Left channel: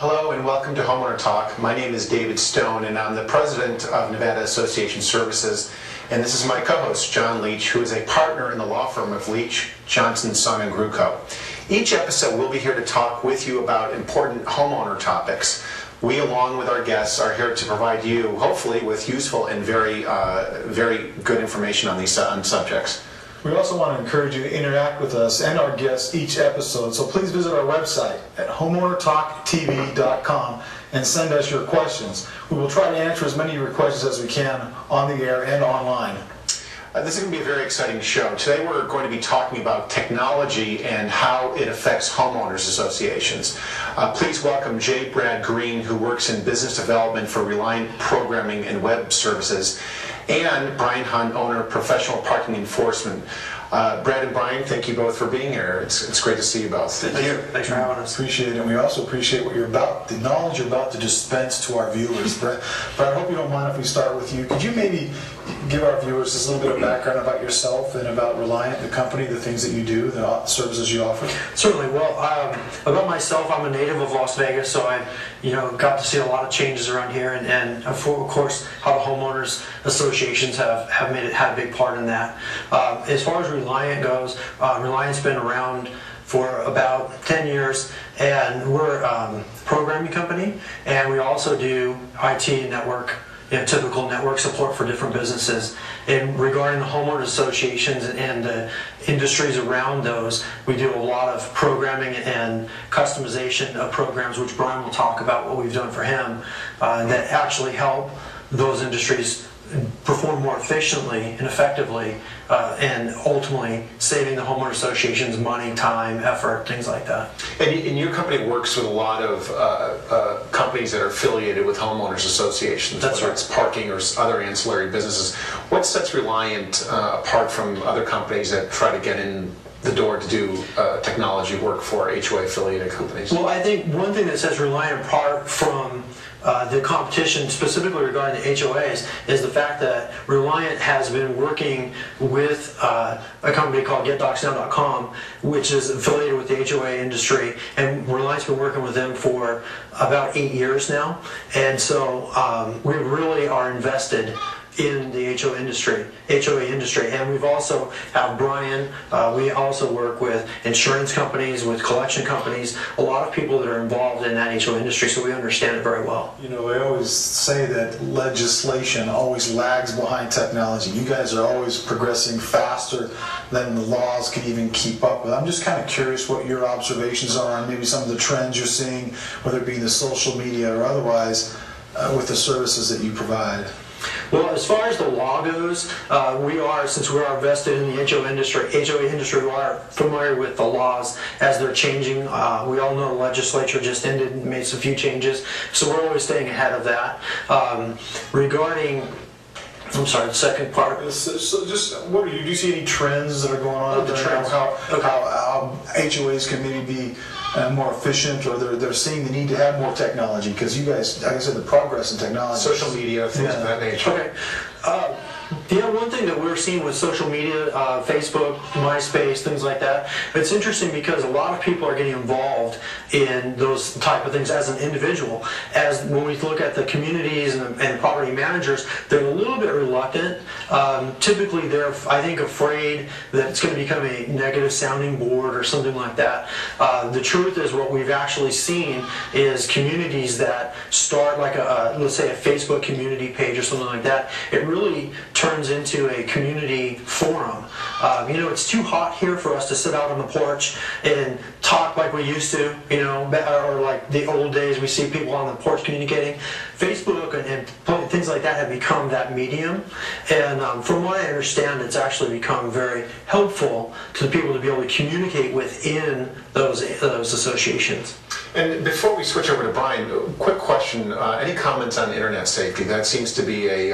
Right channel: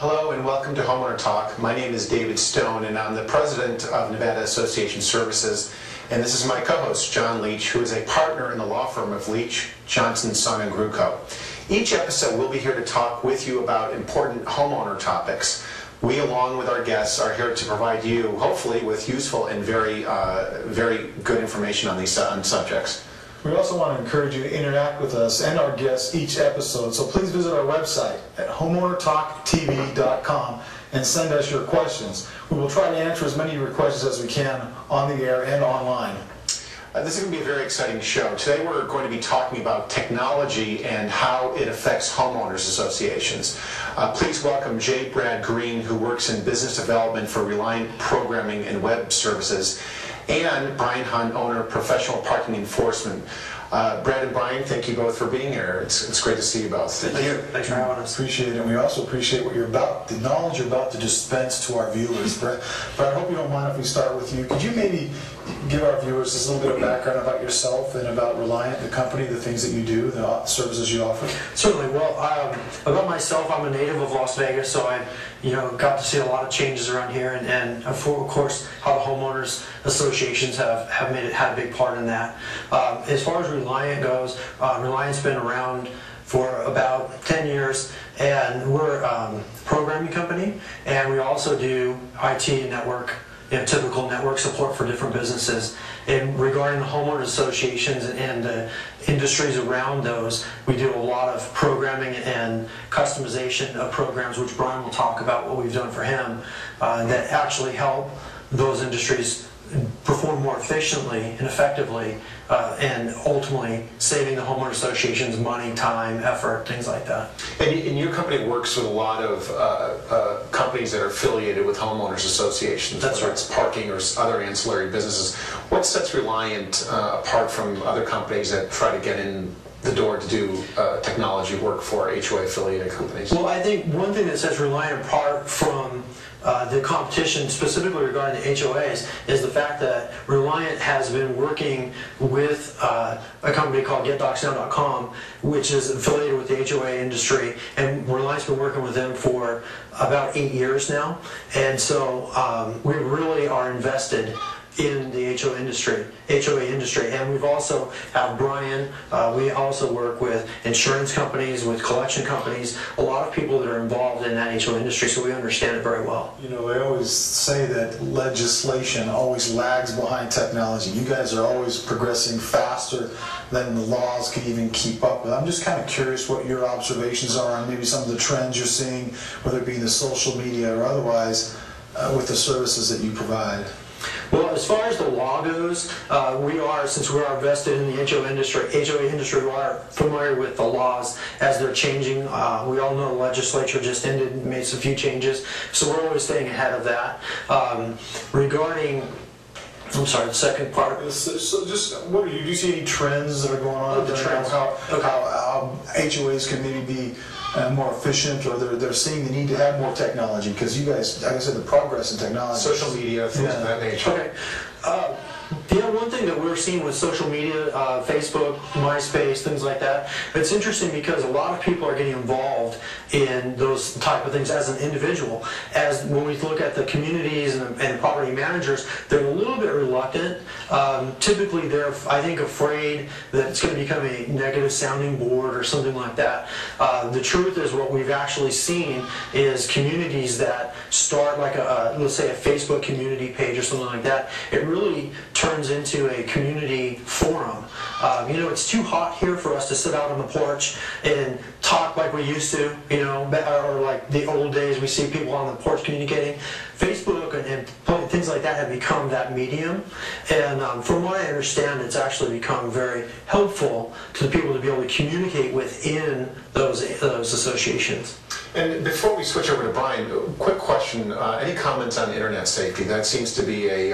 Hello and welcome to Homeowner Talk. My name is David Stone and I'm the president of Nevada Association Services, and this is my co-host John Leach, who is a partner in the law firm of Leach, Johnson, Sung & Gruco. Each episode we'll be here to talk with you about important homeowner topics. We, along with our guests, are here to provide you, hopefully, with useful and very good information on these subjects. We also want to encourage you to interact with us and our guests each episode, so please visit our website at homeownertalktv.com and send us your questions. We will try to answer as many of your questions as we can on the air and online. This is going to be a very exciting show. Today we're going to be talking about technology and how it affects homeowners associations. Please welcome J. Brad Green, who works in business development for Reliant Programming and Web Services, and Brian Hunt, owner of Professional Parking Enforcement. Brad and Brian, thank you both for being here. It's great to see you both. Thank you. Thanks for having us. Appreciate it, and we also appreciate what you're about, the knowledge you're about to dispense to our viewers. Brad, I hope you don't mind if we start with you. Could you maybe give our viewers just a little bit of background about yourself and about Reliant, the company, the things that you do, the services you offer? Certainly. Well, about myself, I'm a native of Las Vegas, so I, got to see a lot of changes around here, and of course, how the homeowners associations have had a big part in that. As far as Reliant goes, Reliant's been around for about 10 years, and we're a programming company, and we also do IT network, typical network support for different businesses. And regarding the homeowners associations and the industries around those, we do a lot of programming and customization of programs, which Brian will talk about what we've done for him, that actually help those industries perform more efficiently and effectively, and ultimately saving the homeowner associations money, time, effort, things like that. And your company works with a lot of companies that are affiliated with homeowners associations, That's whether right. it's parking or other ancillary businesses. What sets Reliant apart from other companies that try to get in the door to do technology work for HOA affiliated companies? Well, I think one thing that sets Reliant apart from the competition, specifically regarding the HOAs, is the fact that Reliant has been working with a company called GetDocsNow.com, which is affiliated with the HOA industry, and Reliant's been working with them for about 8 years now, and so we really are invested in the HOA industry, and we've also have Brian. We also work with insurance companies, with collection companies, a lot of people that are involved in that HOA industry, so we understand it very well. They always say that legislation always lags behind technology. You guys are always progressing faster than the laws can even keep up with. I'm just kind of curious what your observations are on maybe some of the trends you're seeing, whether it be in the social media or otherwise, with the services that you provide. Well, as far as the law goes, since we are invested in the HOA industry, we are familiar with the laws as they're changing. We all know the legislature just ended and made some few changes, so we're always staying ahead of that. Regarding, I'm sorry, the second part. So just, do you see any trends that are going on? The trends. How HOAs can maybe be more efficient, or they're seeing the need to have more technology, because you guys, like I said, the progress in technology. Social media, things of that nature. Okay. One thing that we're seeing with social media, Facebook, MySpace, things like that, it's interesting because a lot of people are getting involved in those type of things as an individual. As when we look at the communities and property managers, they're a little bit reluctant. Typically, they're, I think, afraid that it's going to become a negative sounding board or something like that. The truth is, what we've actually seen is communities that start like let's say a Facebook community page or something like that. It really turns into a community forum. It's too hot here for us to sit out on the porch and talk like we used to, or like the old days we see people on the porch communicating. Facebook and things like that have become that medium, and from what I understand, it's actually become very helpful to the people to be able to communicate within those associations. And before we switch over to Brian, quick question, any comments on internet safety? That seems to be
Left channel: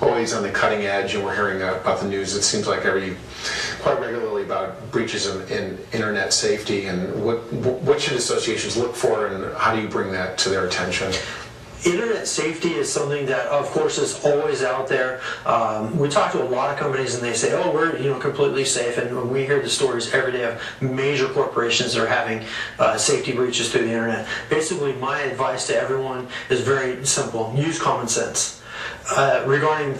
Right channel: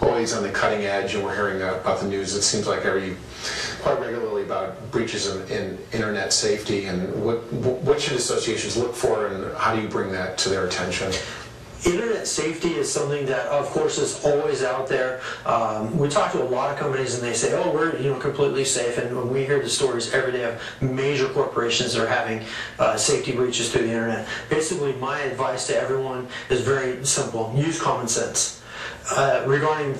always on the cutting edge, and we're hearing about the news, it seems like quite regularly, about breaches in internet safety, and what should associations look for, and how do you bring that to their attention? Internet safety is something that, of course, is always out there. We talk to a lot of companies, and they say, "Oh, we're completely safe," and we hear the stories every day of major corporations that are having safety breaches through the internet. Basically, my advice to everyone is very simple: use common sense. Regarding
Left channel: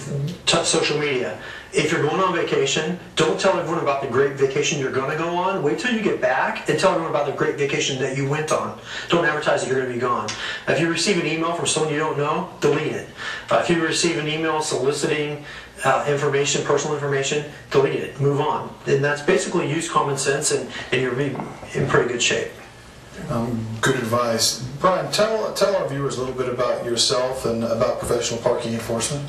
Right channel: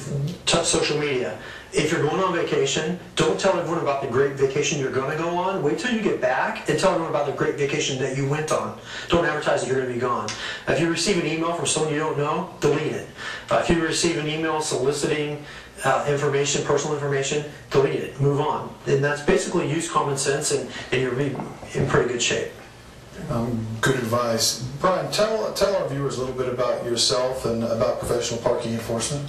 social media, if you're going on vacation, don't tell everyone about the great vacation you're going to go on. Wait till you get back and tell everyone about the great vacation that you went on. Don't advertise that you're going to be gone. If you receive an email from someone you don't know, delete it. If you receive an email soliciting information, personal information, delete it. Move on. And that's basically use common sense, and you'll be in pretty good shape. Good advice. Brian, tell our viewers a little bit about yourself and about professional parking enforcement.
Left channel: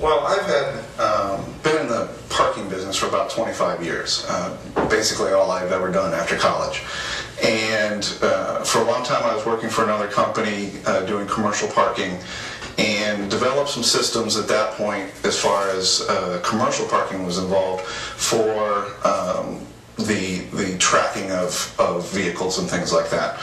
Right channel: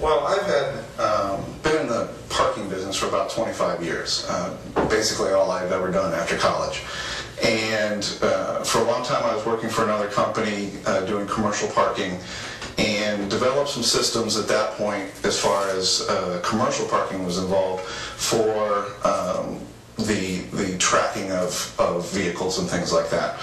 Well, I've been in the parking business for about 25 years, basically all I've ever done after college. And for a long time I was working for another company doing commercial parking, and developed some systems at that point as far as commercial parking was involved for the tracking of vehicles and things like that.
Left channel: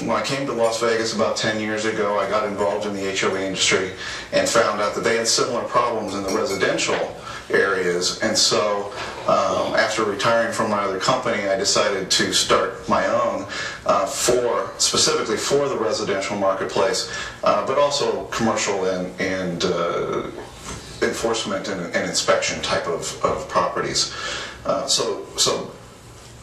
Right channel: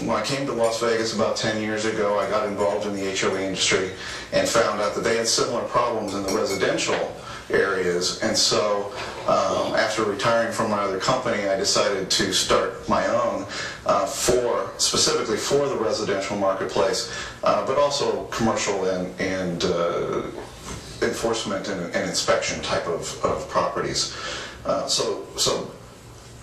When I came to Las Vegas about 10 years ago, I got involved in the HOA industry and found out that they had similar problems in the residential areas. And so after retiring from my other company, I decided to start my own specifically for the residential marketplace, but also commercial and enforcement and inspection type of properties. So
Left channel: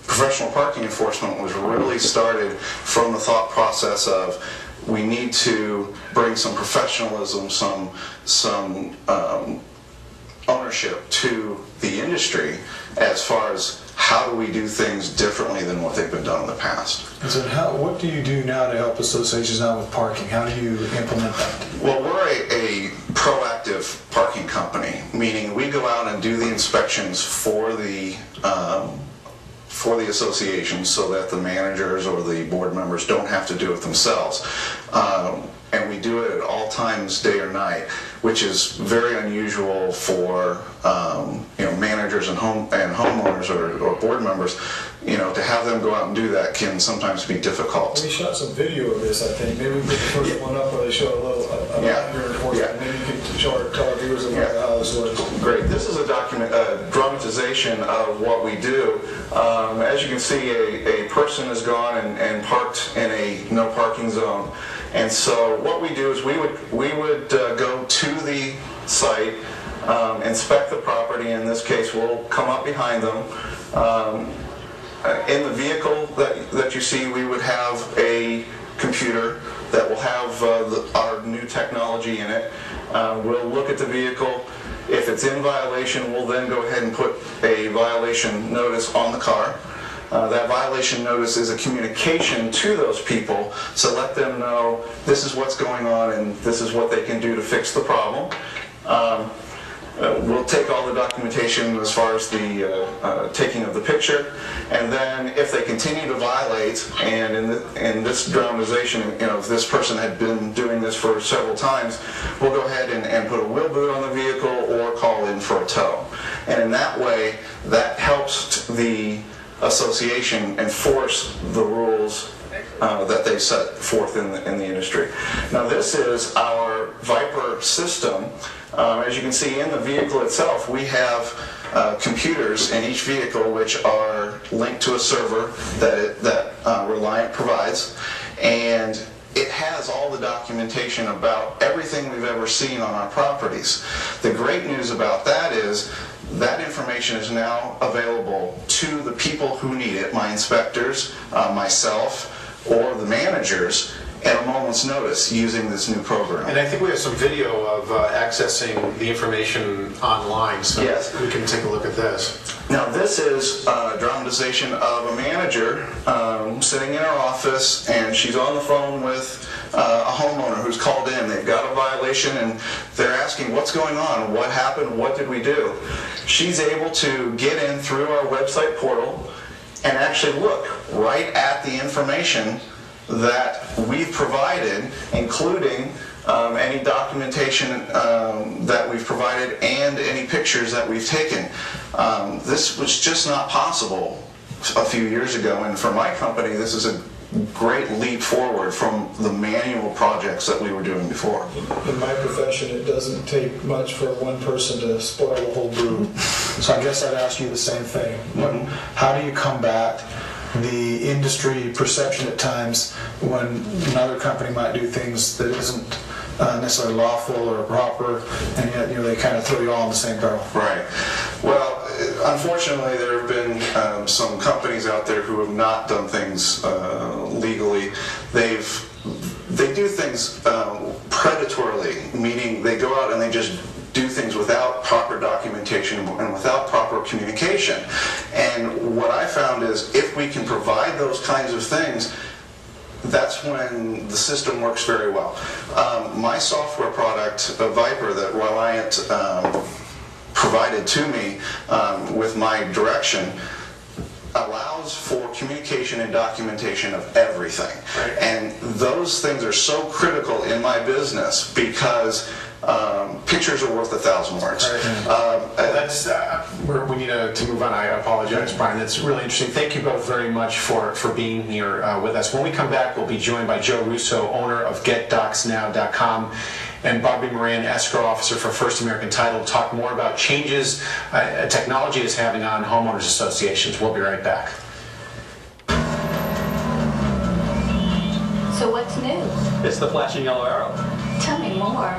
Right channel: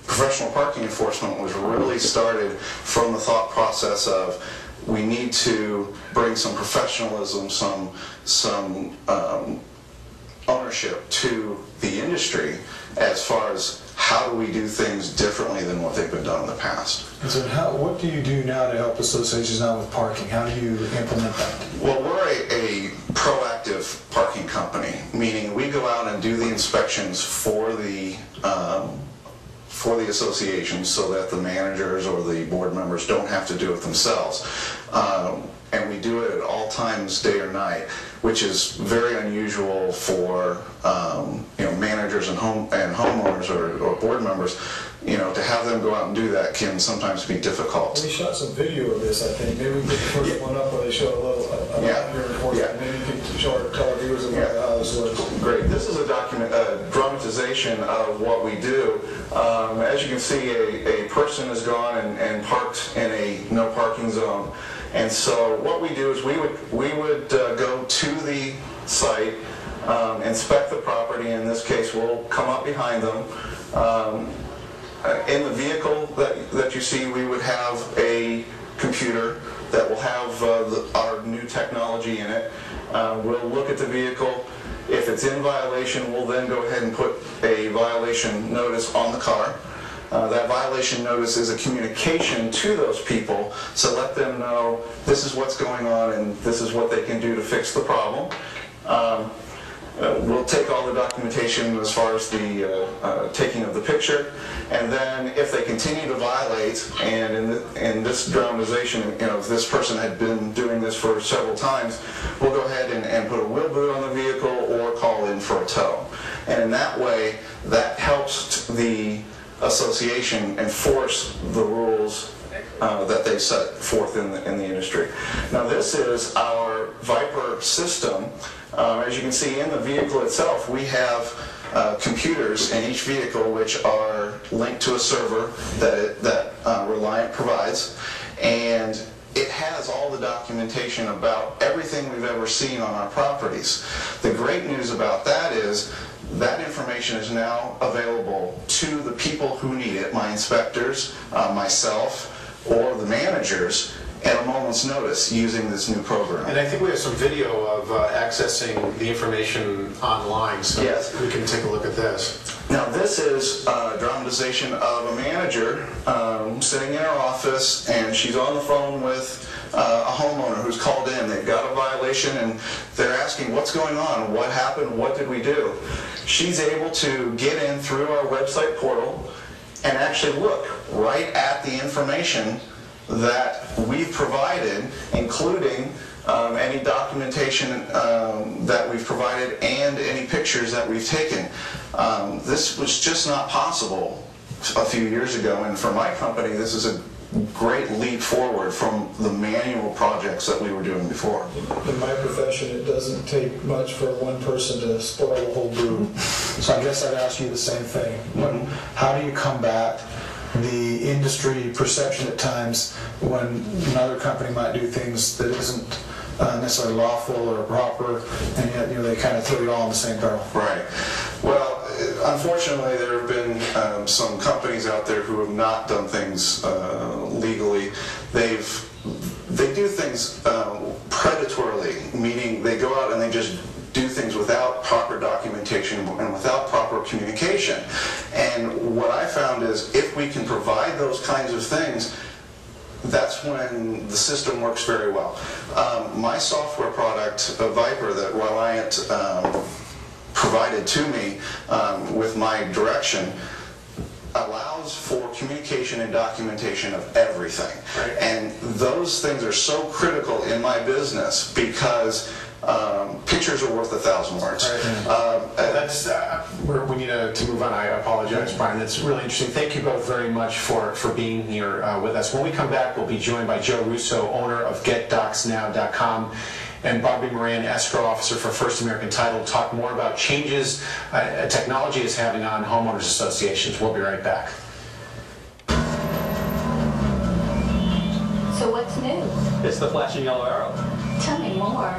professional parking enforcement was really started from the thought process of we need to bring some professionalism, some ownership to the industry as far as how do we do things differently than what they've been done in the past. And so what do you do now to help associations out with parking? How do you implement that? Well, we're a proactive parking company, meaning we go out and do the inspections for the associations so that the managers or the board members don't have to do it themselves. And we do it at all times, day or night, which is very unusual for managers and homeowners or board members. To have them go out and do that can sometimes be difficult. We shot some video of this, I think. Maybe we get the first one up where they show a little about your enforcement. Yeah. Maybe you can tell our viewers about how this works. Great. This is a dramatization of what we do. As you can see, a person has gone and parked in a no parking zone. And so what we do is we would go to the site, inspect the property. In this case, we'll come up behind them. In the vehicle that you see, we would have a computer that will have our new technology in it. We'll look at the vehicle. If it's in violation, we'll then go ahead and put a violation notice on the car. That violation notice is a communication to those people to let them know this is what's going on and this is what they can do to fix the problem. We'll take all the documentation as far as the taking of the picture, and then if they continue to violate, and in this dramatization, if this person had been doing this for several times, we'll go ahead and put a wheel boot on the vehicle or call in for a tow. And in that way, that helps the association enforce the rules that they set forth in the industry. Now this is our Viper system. As you can see in the vehicle itself, we have computers in each vehicle which are linked to a server that Reliant provides, and it has all the documentation about everything we've ever seen on our properties. The great news about that is that information is now available to the people who need it, my inspectors, myself, or the managers, at a moment's notice using this new program. And I think we have some video of accessing the information online, so yes, we can take a look at this. Now this is a dramatization of a manager sitting in her office, and she's on the phone with a homeowner who's called in. They've got a violation and they're asking what's going on, what happened, what did we do? She's able to get in through our website portal and actually look right at the information that we've provided, including any documentation that we've provided and any pictures that we've taken. This was just not possible a few years ago, and for my company this is great leap forward from the manual projects that we were doing before. In my profession, it doesn't take much for one person to spoil the whole brew. So I guess I'd ask you the same thing. How do you combat the industry perception at times when another company might do things that isn't necessarily lawful or proper, and yet they kind of throw you all in the same barrel? Right. Well, unfortunately, there have been some companies out there who have not done things legally. They do things predatorily, meaning they go out and they just do things without proper documentation and without proper communication. And what I found is if we can provide those kinds of things, that's when the system works very well. My software product, Viper, that Reliant provided to me with my direction, allows for communication and documentation of everything. Right. And those things are so critical in my business because pictures are worth 1,000 words. We need to move on. I apologize, Brian. That's really interesting. Thank you both very much for being here with us. When we come back, we'll be joined by Joe Russo, owner of GetDocsNow.com, and Bobby Moran, escrow officer for First American Title, to talk more about changes technology is having on homeowners associations. We'll be right back. So what's new? It's the flashing yellow arrow. Tell me more.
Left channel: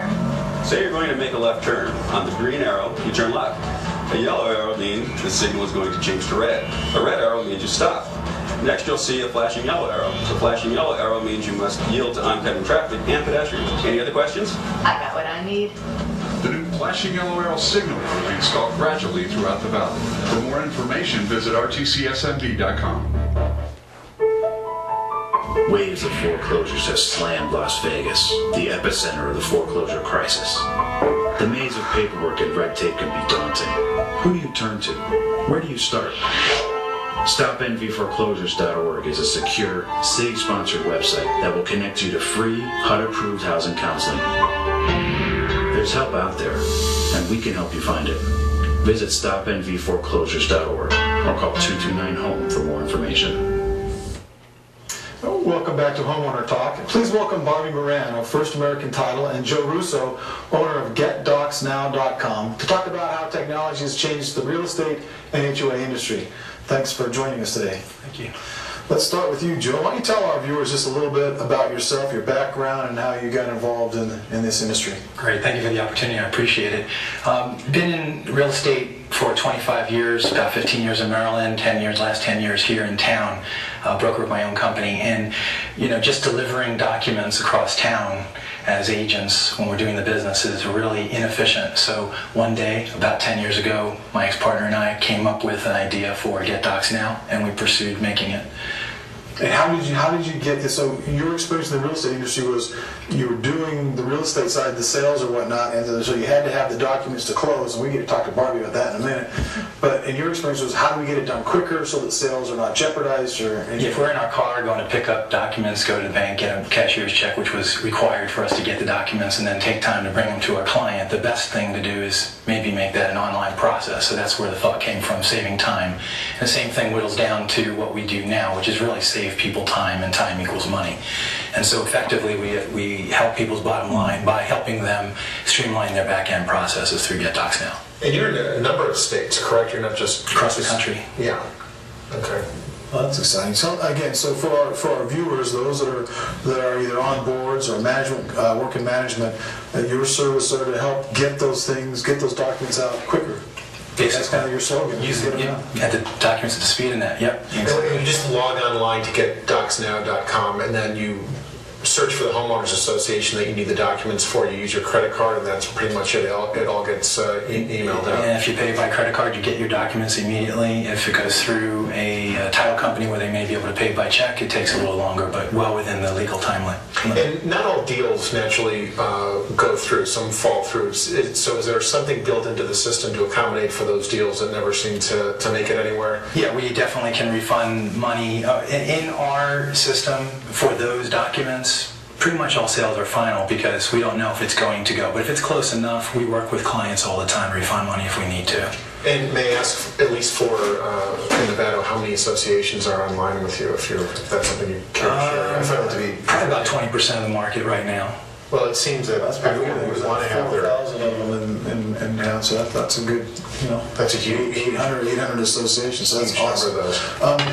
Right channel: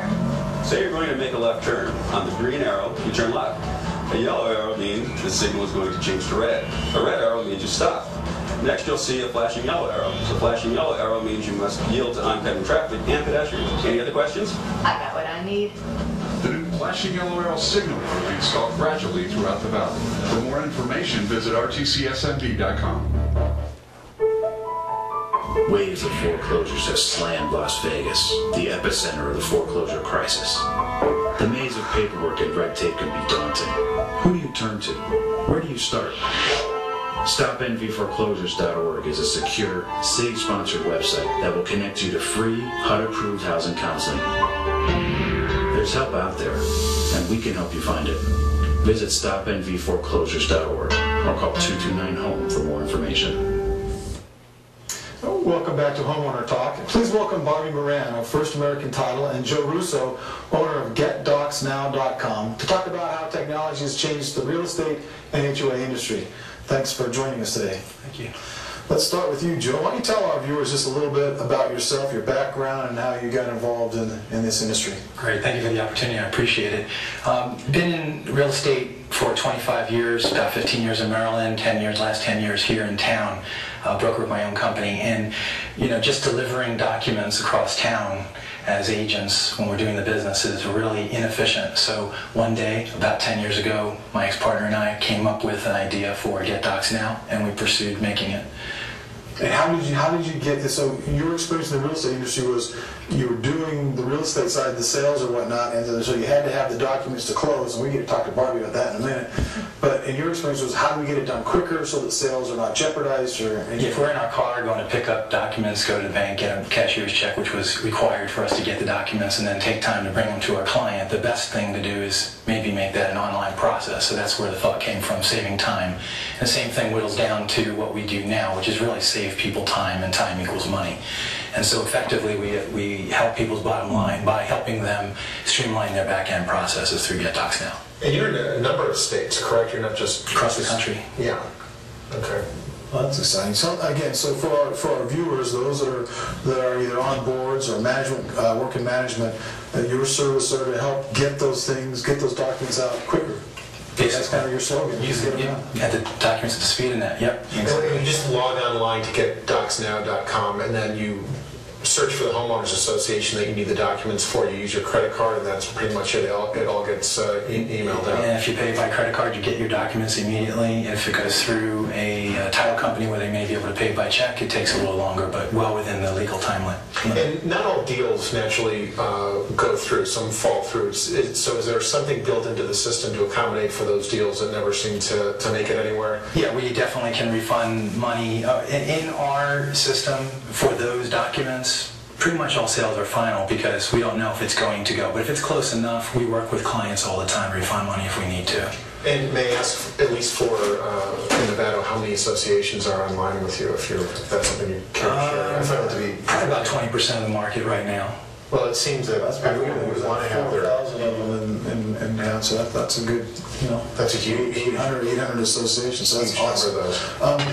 Say you're going to make a left turn. On the green arrow, you turn left. A yellow arrow means the signal is going to change to red. A red arrow means you stop. Next, you'll see a flashing yellow arrow. The flashing yellow arrow means you must yield to oncoming traffic and pedestrians. Any other questions? I got what I need. The new flashing yellow arrow signal will be installed gradually throughout the valley. For more information, visit rtcsmv.com. Waves of foreclosures have slammed Las Vegas, the epicenter of the foreclosure crisis. The maze of paperwork and red tape can be daunting. Who do you turn to? Where do you start? StopNVForeclosures.org is a secure, city-sponsored website that will connect you to free, HUD-approved housing counseling. There's help out there, and we can help you find it. Visit StopNVForeclosures.org or call 229-HOME for more information. Welcome back to Homeowner Talk. Please welcome Bobby Moran of First American Title and Joe Russo, owner of GetDocsNow.com, to talk about how technology has changed the real estate and HOA industry. Thanks for joining us today. Thank you. Let's start with you, Joe. Why don't you tell our viewers just a little bit about yourself, your background, and how you got involved in this industry? Great, thank you for the opportunity, I appreciate it. Been in real estate for 25 years, about 15 years in Maryland, 10 years, last 10 years here in town, broker of my own company, and just delivering documents across town as agents when we're doing the business is really inefficient. So one day, about 10 years ago, my ex-partner and I came up with an idea for GetDocsNow, and we pursued making it. And how did you get this? So your experience in the real estate industry was you were doing the real estate side, the sales or whatnot, and so you had to have the documents to close, and we get to talk to Barbie about that in a minute. But in your experience was how do we get it done quicker so that sales are not jeopardized? Or if we're in our car going to pick up documents, go to the bank, get a cashier's check, which was required for us to get the documents, and then take time to bring them to our client, the best thing to do is maybe make that an online process. So that's where the thought came from, saving time. And the same thing whittles down to what we do now, which is really save people time, and time equals money. And so effectively we help people's bottom line by helping them streamline their back-end processes through GetDocsNow. And you're in a number of states, correct? You're not just Across the country. Yeah. Okay. Well, that's exciting. So again, so for our viewers, those that are either on boards or management, work in management, your service are to help get those documents out quicker. That's kind of your slogan. Use it, at the documents at the speed of that. Yep. And you just log online to GetDocsNow.com, and then you search for the homeowners association that you need the documents for. You use your credit card, and that's pretty much it. It all gets emailed out. And if you pay by credit card, you get your documents immediately. If it goes through a title company where they may be able to pay by check, it takes a little longer, but well within the legal time limit. And not all deals naturally go through. Some fall through. So is there something built into the system to accommodate for those deals that never seem to make it anywhere? Yeah, we definitely can refund money. In our system for those documents, pretty much all sales are final because we don't know if it's going to go. But if it's close enough, we work with clients all the time to refund money if we need to. And may I ask, at least for in Nevada, how many associations are online with you, if that's something you care to share? I find it to be Probably about 20% of the market right now. well. It seems that everyone would want to have their. 4,000 of them in town, so that's a good, That's a huge 800 associations. So that's huge number awesome. of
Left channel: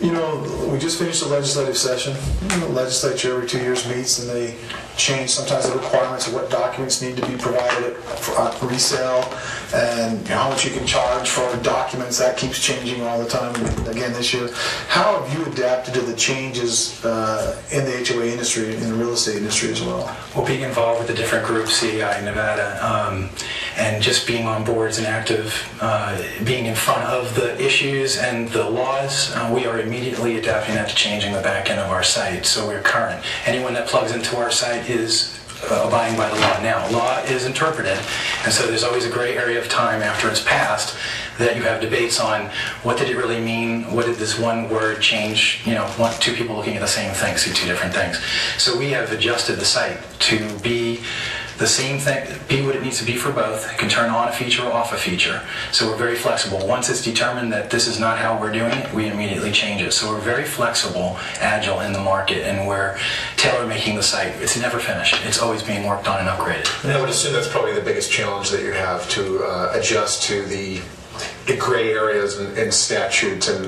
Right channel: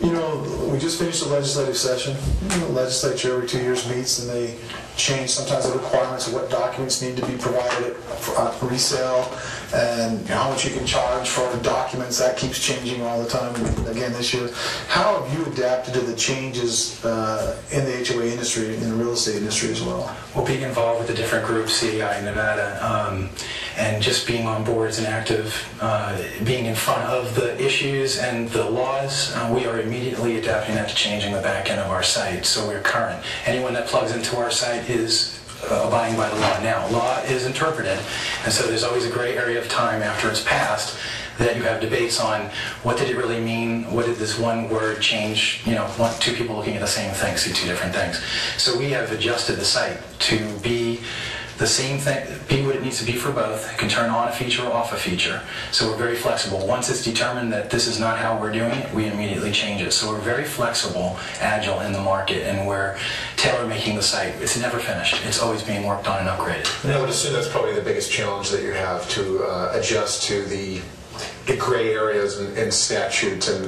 those. We just finished the legislative session. The legislature every 2 years meets and they change sometimes the requirements of what documents need to be provided for resale and how much you can charge for documents. That keeps changing all the time. Again, this year, how have you adapted to the changes in the HOA industry, in the real estate industry as well? Well, being involved with the different groups, CEI Nevada, and just being on boards and active, being in front of the issues and the laws, we are immediately adapting that to changing the back end of our site, so we're current. Anyone that plugs into our site is abiding by the law now. Law is interpreted, and so there's always a gray area of time after it's passed that you have debates on what did it really mean, what did this one word change, two people looking at the same thing see two different things. So we have adjusted the site to be the same thing, be what it needs to be for both. It can turn on a feature or off a feature. So we're very flexible. Once it's determined that this is not how we're doing it, we immediately change it. So we're very flexible, agile in the market, and we're tailor-making the site. It's never finished. It's always being worked on and upgraded. And I would assume that's probably the biggest challenge that you have to adjust to the gray areas and statutes and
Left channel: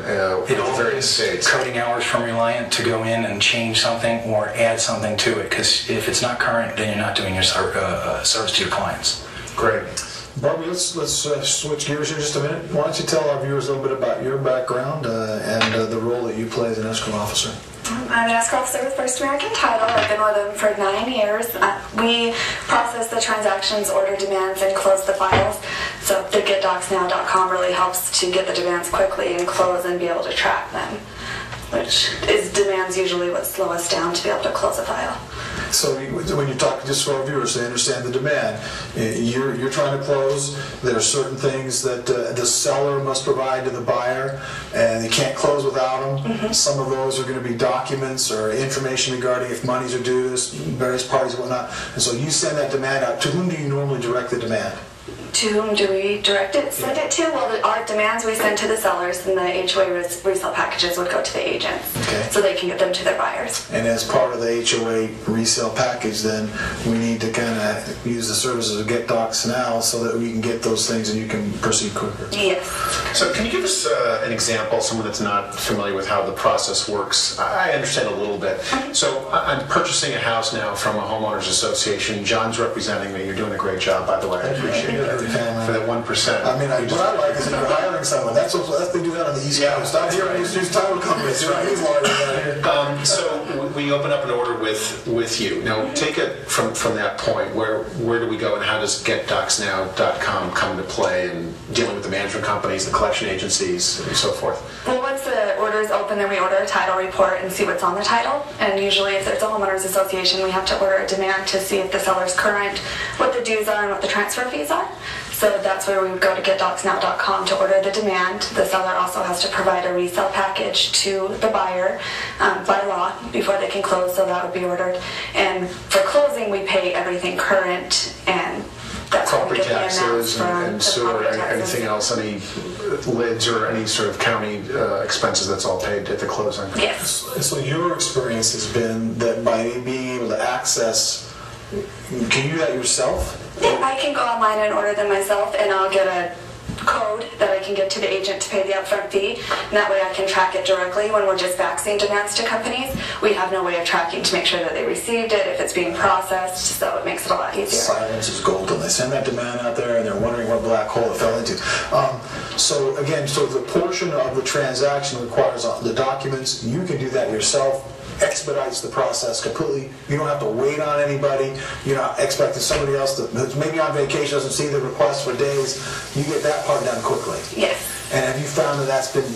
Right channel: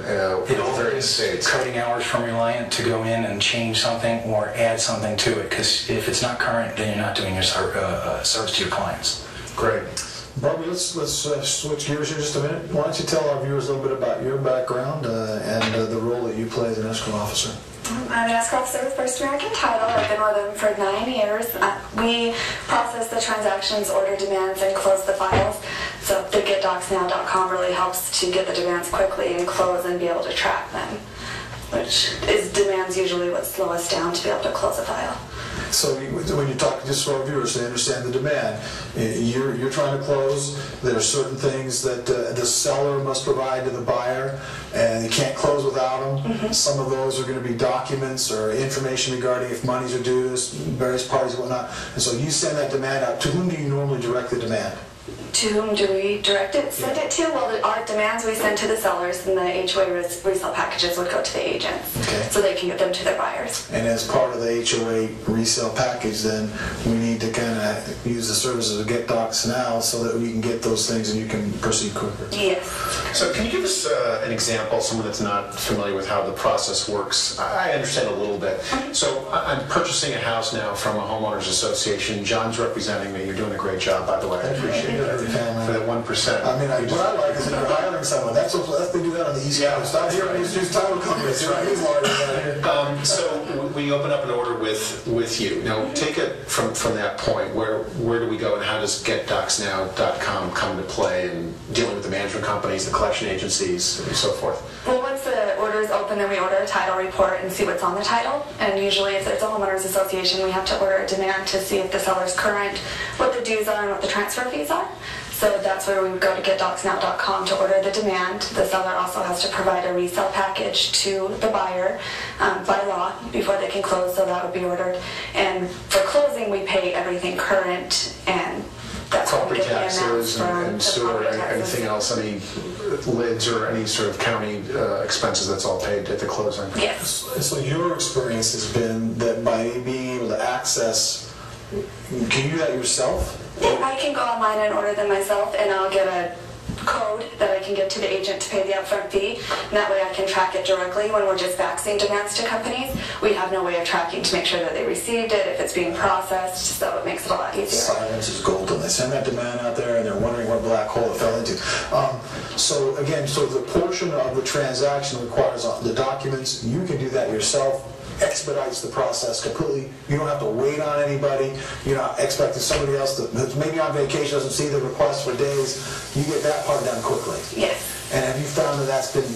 It all various is states. coding hours from Reliant to go in and change something or add something to it, because if it's not current, then you're not doing your service to your clients. Great. Barbie, let's switch gears here just a minute. Why don't you tell our viewers a little bit about your background and the role that you play as an escrow officer? I'm an escrow officer with First American Title. I've been with them for 9 years. We process the transactions, order demands, and close the files. So the GetDocsNow.com really helps to get the demands quickly and close and be able to track them, which is demands usually what slow us down to be able to close a file. So when you talk just for our viewers, they understand the demand. You're trying to close. There are certain things that the seller must provide to the buyer, and they can't close without them. Mm-hmm. Some of those are going to be documents or information regarding if monies are due to various parties and whatnot. And so you send that demand out. To whom do you normally direct the demand? To whom do we direct it? Send it to? Well, our demands we send to the sellers, and the HOA resale packages would go to the agents, so they can get them to their buyers. And as part of the HOA resale package, then we need to kind of use the services of Get Docs Now so that we can get those things and you can proceed quicker. Yes. So can you give us an example, someone that's not familiar with how the process works? I understand a little bit. So I'm purchasing a house now from a homeowners association. John's representing me. You're doing a great job, by the way. I appreciate it. For that 1%. I mean, what I like is that you're hiring someone. That's they do that on the East Coast. Stop here and use title companies. He's lawyers out here. So we open up an order with you. Now, take it from that point. Where do we go, and how does GetDocsNow.com come to play in dealing with the management companies, the collection agencies, and so forth? Well, once the order is open, then we order a title report and see what's on the title. And usually, if there's a homeowners association, we have to order a demand to see if the seller's current, what the dues are, and what the transfer fees are. So that's where we would go to GetDocsNow.com to order the demand. The seller also has to provide a resale package to the buyer by law before they can close, so that would be ordered. And for closing, we pay everything current, and that's when we Property get the taxes amounts from and the sewer, property taxes. anything else, any lids or any sort of county expenses, that's all paid at the closing? Yes. So your experience has been that by being able to access, can you do that yourself? I can go online and order them myself, and I'll get a code that I can give to the agent to pay the upfront fee, and that way I can track it directly. When we're just faxing demands to companies, we have no way of tracking to make sure that they received it, if it's being processed, so it makes it a lot easier. Silence is golden. They send that demand out there and they're wondering what black hole it fell into. So again, so the portion of the transaction requires the documents. You can do that yourself. Expedites the process completely. You don't have to wait on anybody. You're not expecting somebody else who's maybe on vacation, doesn't see the request for days. You get that part done quickly. Yes. And have you found that that's been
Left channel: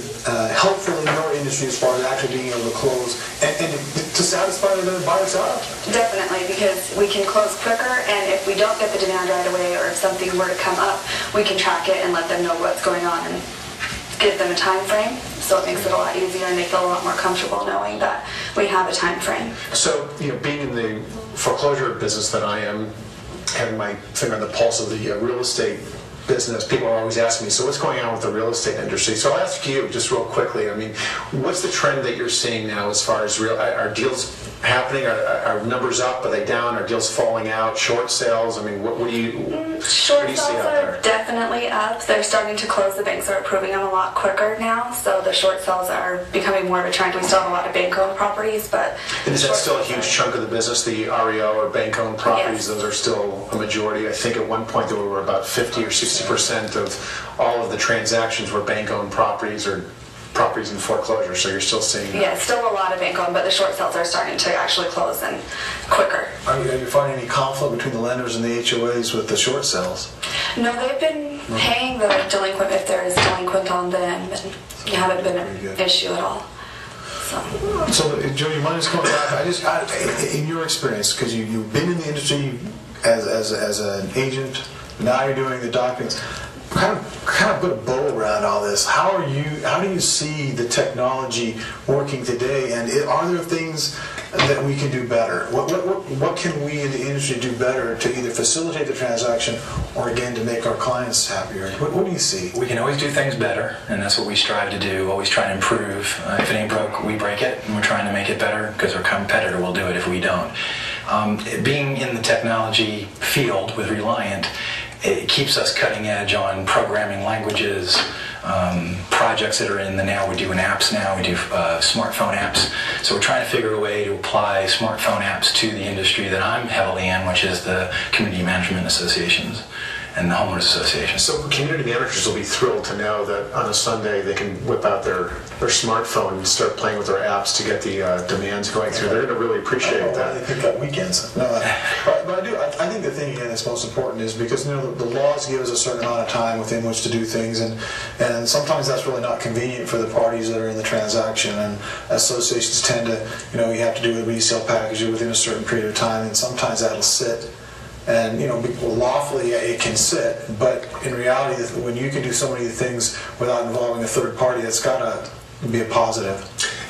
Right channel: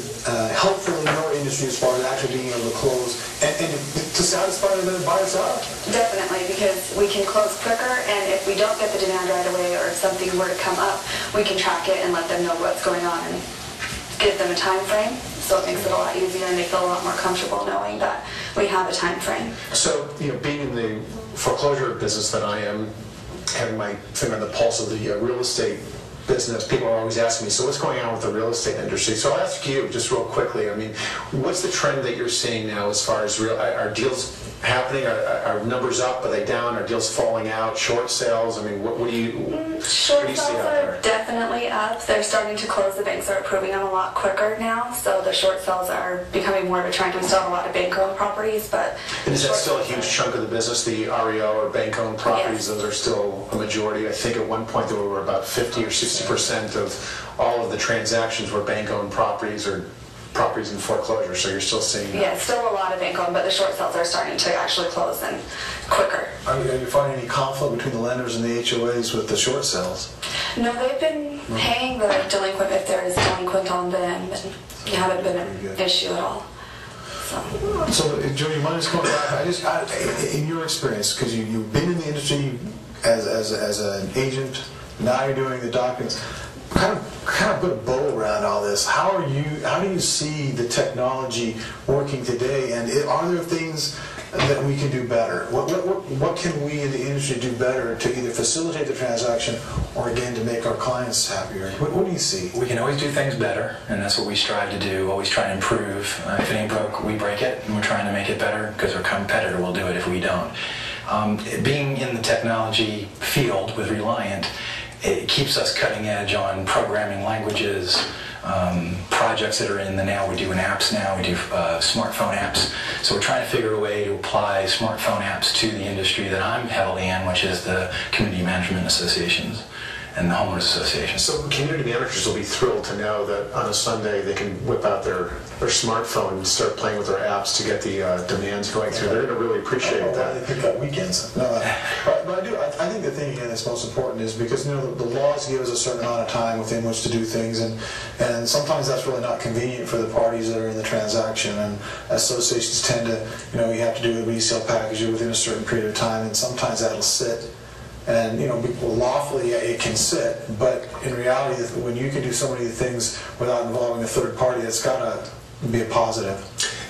helpful in your industry as far as actually being able to close and to satisfy the buyer's out? Definitely, because we can close quicker, and if we don't get the demand right away, or if something were to come up, we can track it and let them know what's going on and give them a time frame. So it makes it a lot easier, and they feel a lot more comfortable knowing that we have a time frame. So, being in the foreclosure business that I am, having my finger on the pulse of the real estate business, people are always asking me, so what's going on with the real estate industry? So I'll ask you just real quickly, I mean, what's the trend that you're seeing now as far as are deals happening? Are numbers up? Are they down? Are deals falling out? Short sales? I mean, what do you Short see sales out are there? definitely up. They're starting to close. The banks are approving them a lot quicker now, so the short sales are becoming more of a trend. We still have a lot of bank-owned properties, but... And is that short still a sales huge are- chunk of the business, the REO or bank-owned properties? Yes. Those are still a majority. I think at one point there were about 50 or 60% of all of the transactions were bank-owned properties or properties in foreclosure, so you're still seeing that. Yeah, still a lot of bank-owned, but the short sales are starting to actually close and quicker. Are you finding any conflict between the lenders and the HOAs with the short sales? No, they've been paying the delinquent if there is delinquent on them, and it haven't been an issue at all. So, Joe, you mind just coming back? In your experience, because you've been in the industry as an agent, now you're doing the documents. Kind of put a bow around all this. How do you see the technology working today? And are there things that we can do better? What can we in the industry do better to either facilitate the transaction or again to make our clients happier? What do you see? We can always do things better, and that's what we strive to do, always try to improve. If it ain't broke, we break it, and we're trying to make it better because our competitor will do it if we don't. Being in the technology field with Reliant, it keeps us cutting edge on programming languages, projects that are in the now. We're doing apps now. We do smartphone apps. So we're trying to figure a way to apply smartphone apps to the industry that I'm heavily in, which is the community management associations and the homeowners associations. So community managers will be thrilled to know that on a Sunday they can whip out their smartphone and start playing with their apps to get the demands going through. They're going to really appreciate that. They pick up weekends. No, but I think the thing again that's most important is because the laws give us a certain amount of time within which to do things, and sometimes that's really not convenient for the parties that are in the transaction. And associations tend to, you have to do a resale package within a certain period of time, and sometimes that'll sit. And lawfully it can sit, but in reality, when you can do so many things without involving a third party, it's got to be a positive.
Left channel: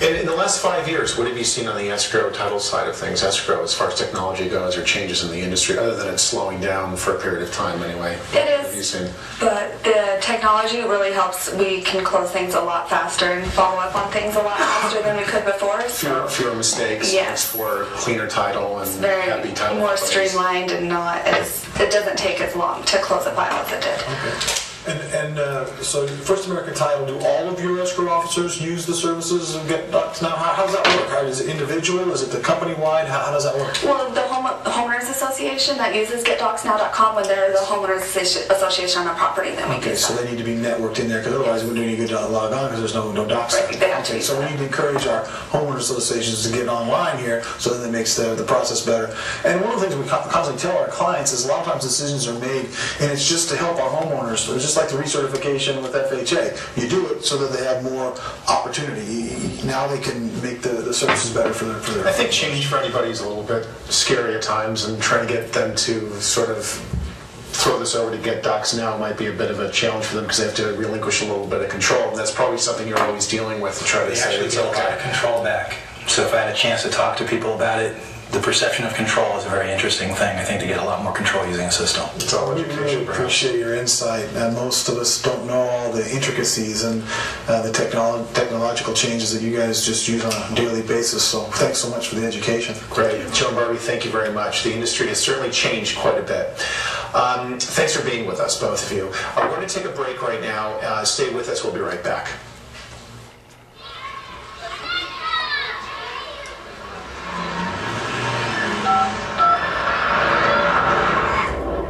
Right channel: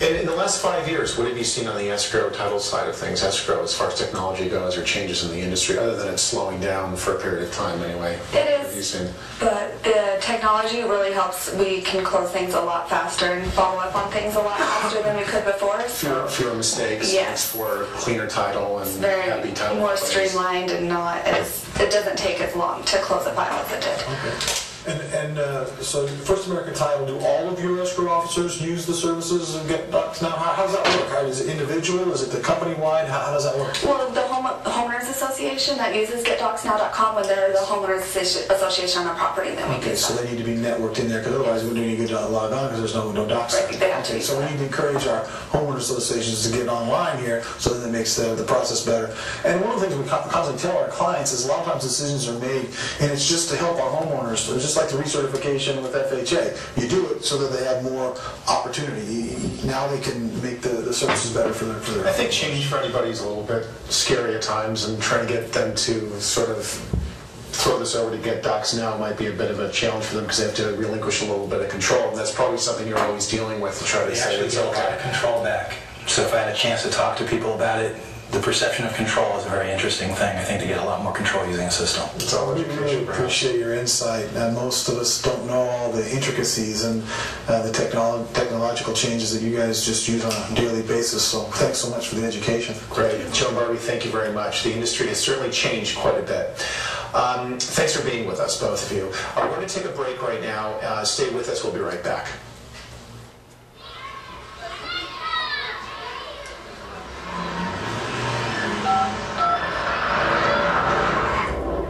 And in the last 5 years, what have you seen on the escrow title side of things, escrow as far as technology goes, or changes in the industry, other than it's slowing down for a period of time anyway? It What have you is, seen? but the technology really helps. We can close things a lot faster and follow up on things a lot faster than we could before. So Fewer mistakes, Yes. for cleaner title and very happy title. more companies. streamlined and it doesn't take as long to close a file as it did. Okay. And so First American Title, do all of your escrow officers use the services and get docs now? How does that work? Is it individual? Is it the company-wide? How does that work? Well, the homeowners association that uses GetDocsNow.com, when they're the homeowners association on a property, then we Okay, do so that. they need to be networked in there because otherwise it wouldn't do any good to log on because there's no docs. Right, they have to Okay, be so we set need to encourage our homeowners associations to get online here so that it makes the process better. And one of the things we constantly tell our clients is a lot of times decisions are made and it's just to help our homeowners. It's just like the recertification with FHA. You do it so that they have more opportunity. Now they can make the services better for their I think change for anybody is a little bit scary at times, and trying to get them to sort of throw this over to Get Docs Now might be a bit of a challenge for them because they have to relinquish a little bit of control, and that's probably something you're always dealing with to try to They say actually it's get a lot okay. of control back. So if I had a chance to talk to people about it, the perception of control is a very interesting thing. I think they get a lot more control using a system. It's all We education, really perhaps. appreciate your insight, and most of us don't know all the intricacies and the technological changes that you guys just use on a daily basis. So thanks so much for the education. Great. Joe and Barbie, thank you very much. The industry has certainly changed quite a bit. Thanks for being with us, both of you. We're going to take a break right now. Stay with us. We'll be right back.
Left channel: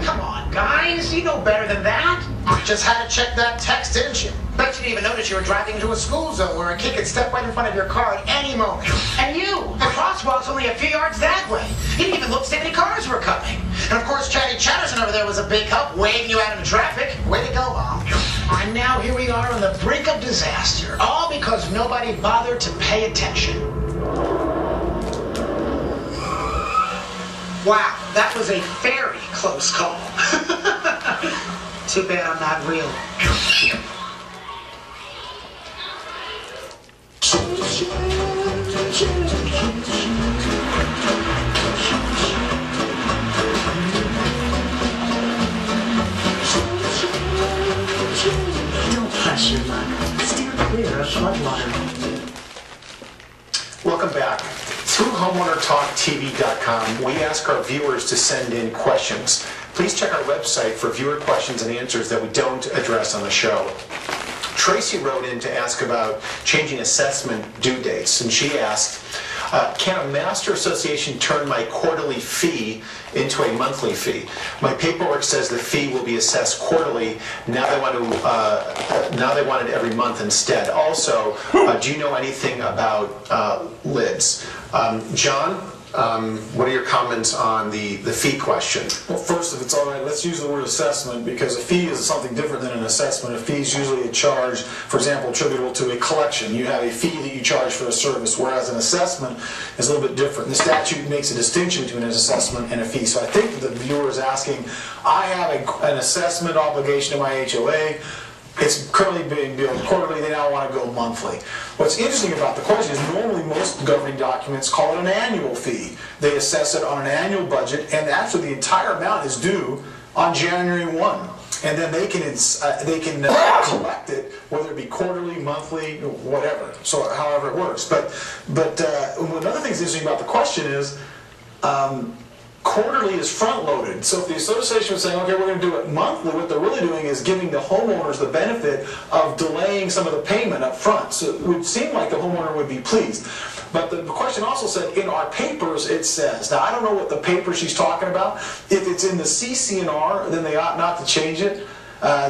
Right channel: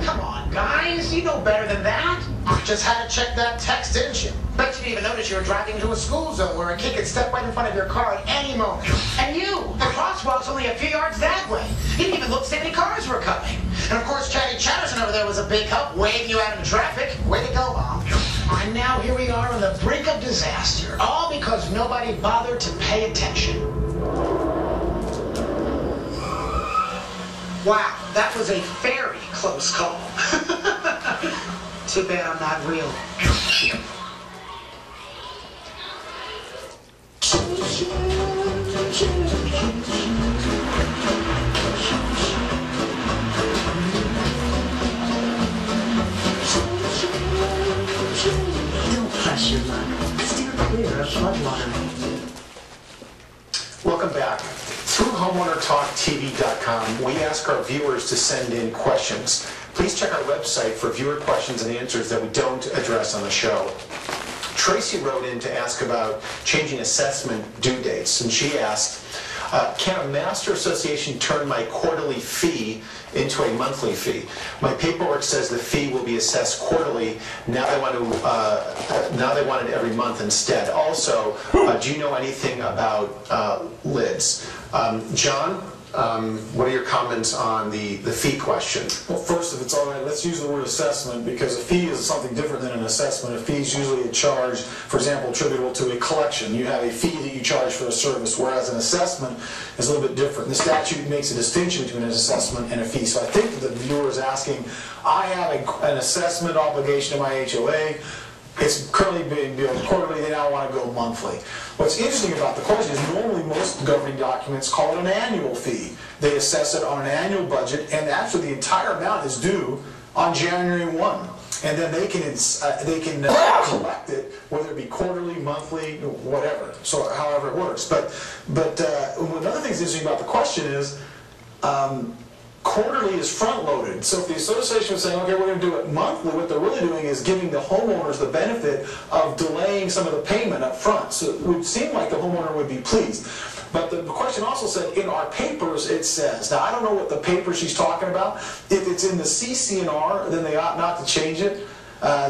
Come on, guys. You know better than that. You just had to check that text, didn't you? Bet you didn't even notice you were driving into a school zone where a kid could step right in front of your car at any moment. And you, the crosswalk's only a few yards that way. You didn't even look to see if any cars were coming. And of course, Chatty Chatterson over there was a big help waving you out into traffic. Way to go, Mom. And now here we are on the brink of disaster, all because nobody bothered to pay attention. Wow, that was a very close call. Too bad I'm not real. Mudliner. Welcome back. Through HomeownerTalkTV.com, we ask our viewers to send in questions. Please check our website for viewer questions and answers that we don't address on the show. Tracy wrote in to ask about changing assessment due dates, and she asked, can a master association turn my quarterly fee into a monthly fee? My paperwork says the fee will be assessed quarterly. Now they want it every month instead. Also, do you know anything about lids? John, what are your comments on the fee question? Well, first, if it's all right, let's use the word assessment, because a fee is something different than an assessment. A fee is usually a charge, for example, attributable to a collection. You have a fee that you charge for a service, whereas an assessment is a little bit different. The statute makes a distinction between an assessment and a fee. So I think that the viewer is asking, I have an assessment obligation to my HOA. It's currently being billed quarterly, they now want to go monthly. What's interesting about the question is normally most governing documents call it an annual fee. They assess it on an annual budget, and actually the entire amount is due on January 1. And then they can collect it, whether it be quarterly, monthly, whatever, so however it works. But another thing that's interesting about the question is, quarterly is front-loaded. So if the association was saying, okay, we're going to do it monthly, what they're really doing is giving the homeowners the benefit of delaying some of the payment up front. So it would seem like the homeowner would be pleased. But the question also said, in our papers, it says. Now, I don't know what the paper she's talking about. If it's in the CC&R, then they ought not to change it.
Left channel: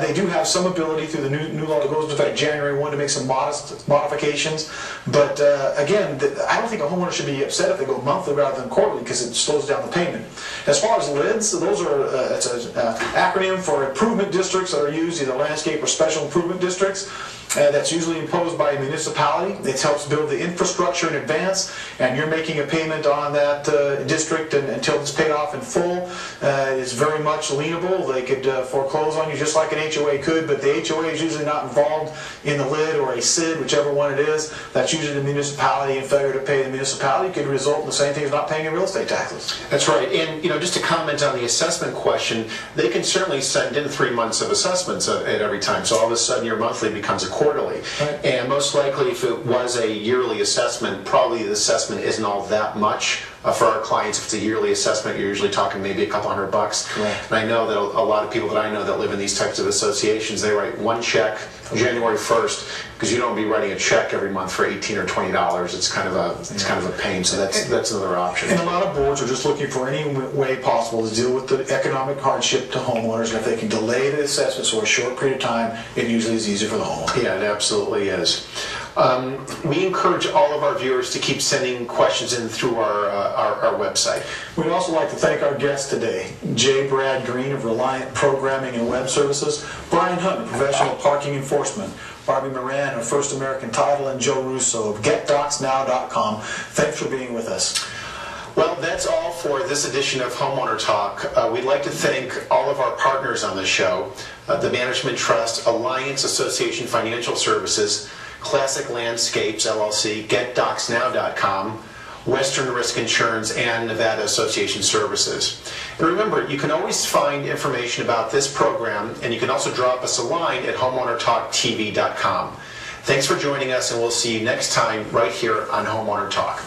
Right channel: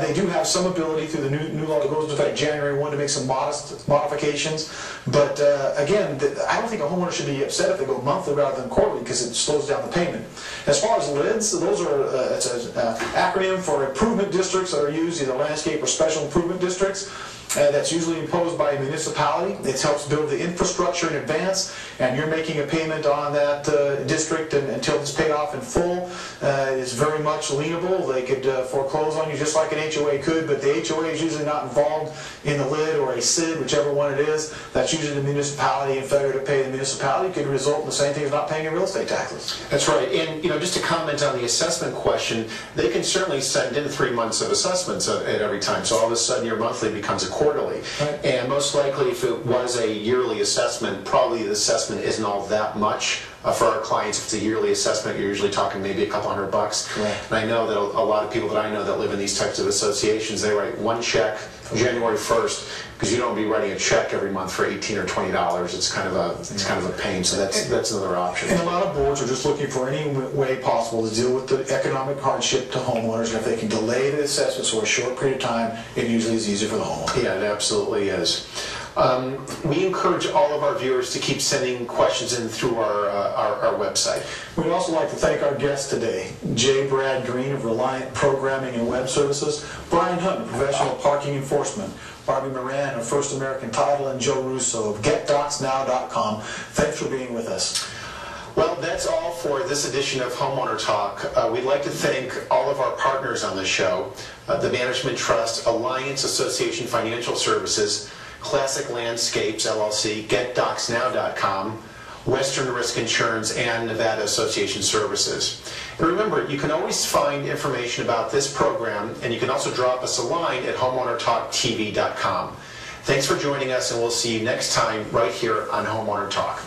They do have some ability through the new law that goes into effect January 1 to make some modest modifications. But again, I don't think a homeowner should be upset if they go monthly rather than quarterly, because it slows down the payment. As far as lids, those are it's an acronym for improvement districts that are used, either landscape or special improvement districts. That's usually imposed by a municipality. It helps build the infrastructure in advance, and you're making a payment on that district until it's paid off in full. It's very much lienable. They could foreclose on you just like an HOA could, but the HOA is usually not involved in the lid or a SID, whichever one it is. That's usually the municipality, and failure to pay the municipality could result in the same thing as not paying your real estate taxes. That's right. And just to comment on the assessment question, they can certainly send in 3 months of assessments at every time. So all of a sudden your monthly becomes a quarterly. Right. And most likely if it was a yearly assessment, probably the assessment isn't all that much. For our clients, if it's a yearly assessment, you're usually talking maybe a couple $100. Correct. And I know that a lot of people that I know that live in these types of associations, they write one check January 1st, because you don't be writing a check every month for $18 or $20. It's kind of a pain. So that's another option. And a lot of boards are just looking for any way possible to deal with the economic hardship to homeowners. And if they can delay the assessments for a short period of time, it usually is easier for the homeowner. Yeah, it absolutely is. We encourage all of our viewers to keep sending questions in through our website. We'd also like to thank our guests today, J. Brad Green of Reliant Programming and Web Services, Brian Hunt, Professional Parking Enforcement, Barbie Moran of First American Title, and Joe Russo of GetDocsNow.com. Thanks for being with us. Well, that's all for this edition of Homeowner Talk. We'd like to thank all of our partners on the show, the Management Trust, Alliance Association Financial Services, Classic Landscapes, LLC, GetDocsNow.com, Western Risk Insurance, and Nevada Association Services. And remember, you can always find information about this program, and you can also drop us a line at HomeownerTalkTV.com. Thanks for joining us, and we'll see you next time right here on Homeowner Talk.